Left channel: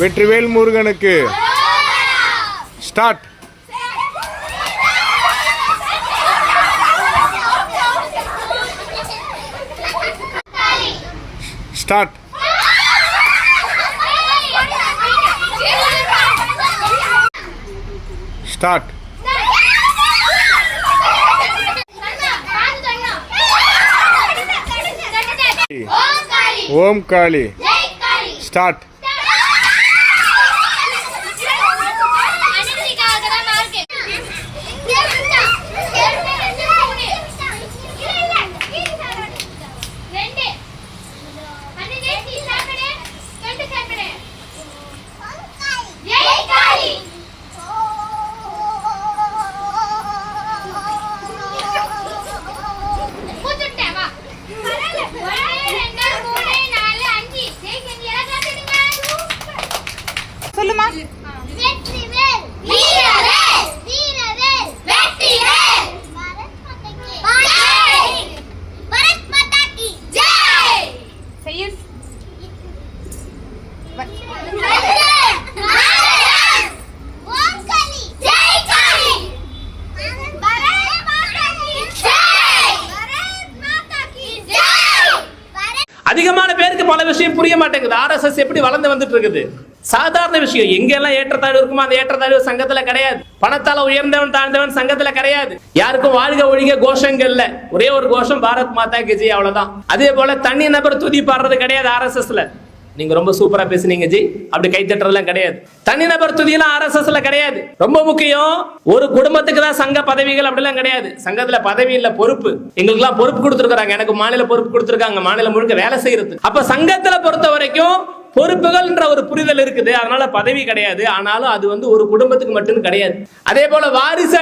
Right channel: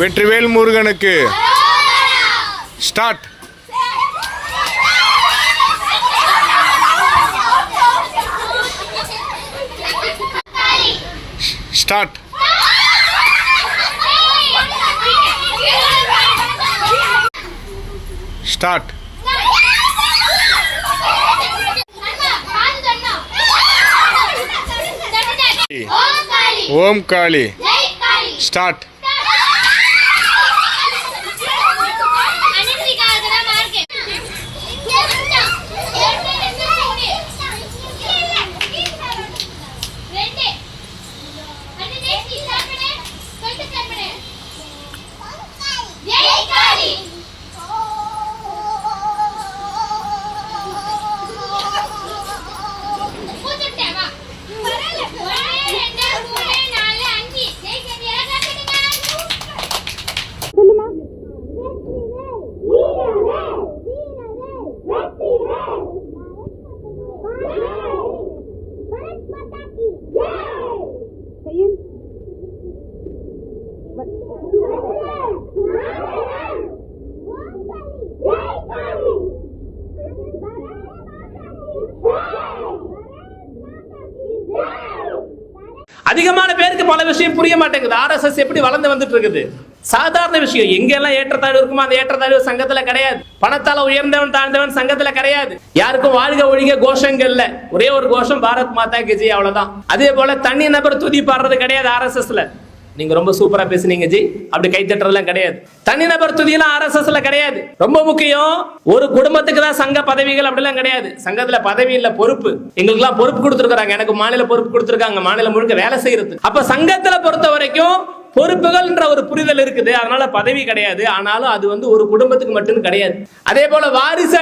வெற்றிவேல் முருகனுக்கு start. Start. Start. ஓம் காளி. Start. சொல்லுமா. செய்யுள். அதிகமான பேருக்கு பல விஷயம் புரிய மாட்டேங்குது. RSS எப்படி வளர்ந்து வந்துட்டு இருக்குது? சாதாரண விஷயம். எங்கெல்லாம் ஏற்றத்தாழ்வு இருக்குமோ அந்த ஏற்றத்தாழ்வு சங்கத்துல கிடையாது. பணத்தால உயர்ந்தவன் தாழ்ந்தவன் சங்கத்துல கிடையாது. யாருக்கும் வாழ்க ஒழிக கோஷங்கள் இல்ல. ஒரே ஒரு கோஷம் பாரத் மாதா கி ஜெய், அவ்வளவுதான். அதே போல தனி நபர் துதி பாடுறது கிடையாது RSSல. நீங்க ரொம்ப சூப்பரா பேசுனீங்க ஜி, அப்படி கை தட்டுறதுலாம் கிடையாது. தனிநபர் துதியெல்லாம் RSSல கிடையாது. ரொம்ப முக்கியம், ஒரு குடும்பத்துக்கு தான் சங்க பதவிகள் அப்படிலாம் கிடையாது. சங்கத்துல பதவி இல்ல, பொறுப்பு. எங்களுக்கு எல்லாம் பொறுப்பு கொடுத்துருக்காங்க. எனக்கு மாநில பொறுப்பு கொடுத்துருக்காங்க, மாநிலம் முழுக்க வேலை செய்யறது. அப்ப சங்கத்துல பொறுத்த வரைக்கும் பொறுப்புகள்ன்ற ஒரு புரிதல் இருக்குது. அதனால பதவி கிடையாது. ஆனாலும் அது ஒரு குடும்பத்துக்கு மட்டும் கிடையாது. அதே போல வாரிசு